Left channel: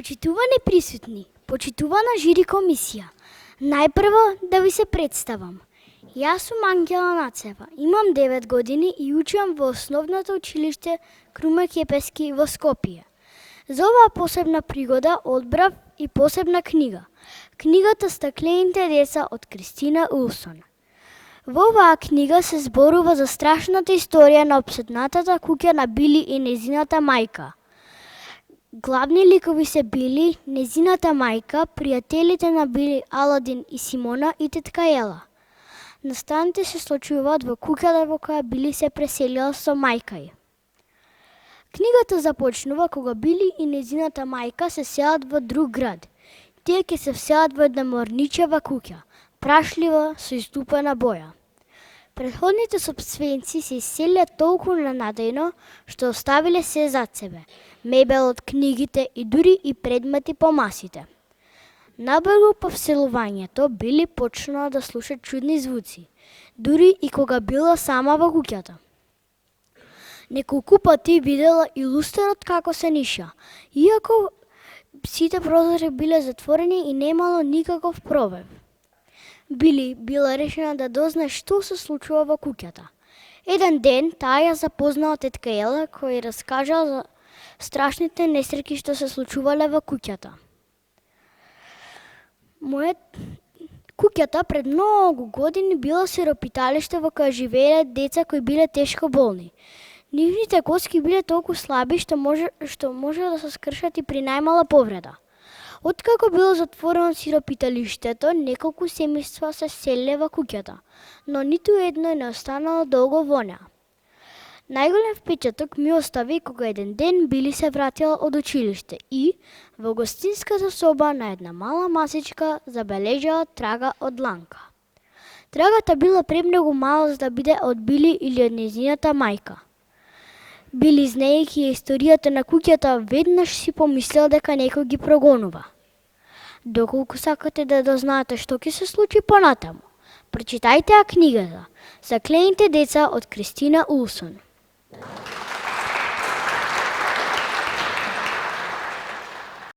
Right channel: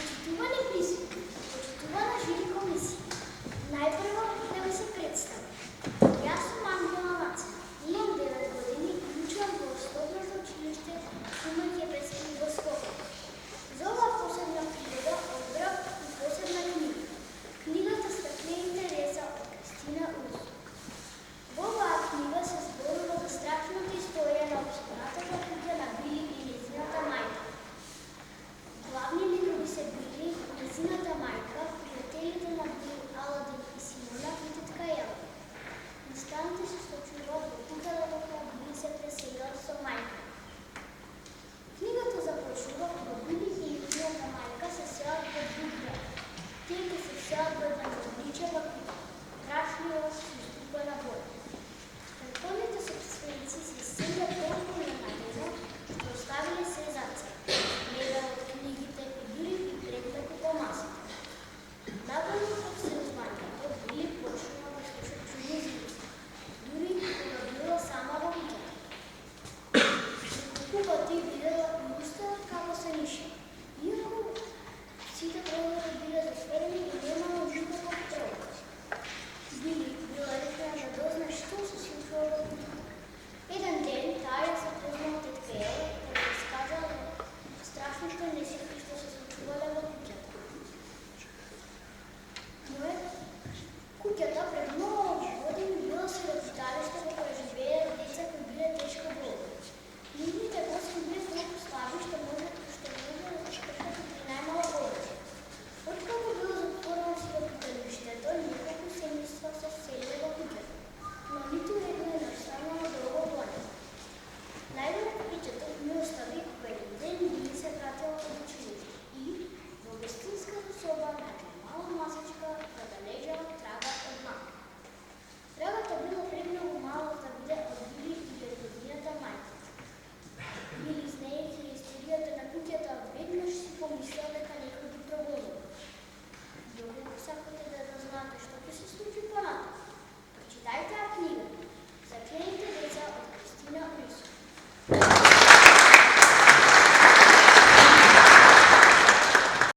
Почитувани присутни, почитувана жири комисија. Најпрво да ви се представам. Јас сум Ангела Нацева, имам 9 години и учам во основното училиште Круме Кепески во Скопје. За оваа посебна пригода одбрав и посебна книга. Книгата Стаклените деца од Кристина Улсон. Во оваа книга се зборува за страшната историја на опсетнатата куќа на Били и незината мајка. Главни ликови се Били, незината мајка, пријателите на Били Аладин и Симона и тетка Ела. Настаните се случуваат во куќата во која Били се преселила со мајка ѝ. Книгата започнува кога Били и незината мајка се селат во друг град. Тие ќе се вселат во една морничева куќа, прашлива со изтупена боја. Претходните собственици се иселија толку ненадејно што оставиле се зад себе. Мебелот, книгите и дури и предмети по масите. Набрзо по вселувањето Били почнала да слуша чудни звуци, дури и кога била сама во куќата. Неколку пати видела и лустерот како се ниша, иако сите прозори биле затворени и немало никаков пробив. Били била решена да дознае што се случува во куќата. Еден ден таа ја запознала тетка Ела, која раскажала за страшните несреќи што се случувале во куќата. Куќата пред многу години била сиропиталиште во која живееле деца кои биле тешко болни. Нивните коски биле толку слаби што може да се скршат и при најмала повреда. Откако било затворено сиропиталиштето, неколку семејства се селеле во куќата, но ниту едно не останало долго во неа. Најголем впечаток ми остави кога еден ден Били се вратила од училиште и во гостинската соба на една мала масичка забележала трага од дланка. Трагата била премногу мала за да биде од Били или од незината мајка. Били, знаејќи историјата на куќата, веднаш си помислила дека некој ги прогонува. Доколку сакате да дознаете што ќе се случи понатаму, прочитајте ја книгата Стаклените деца од Кристина Улсон.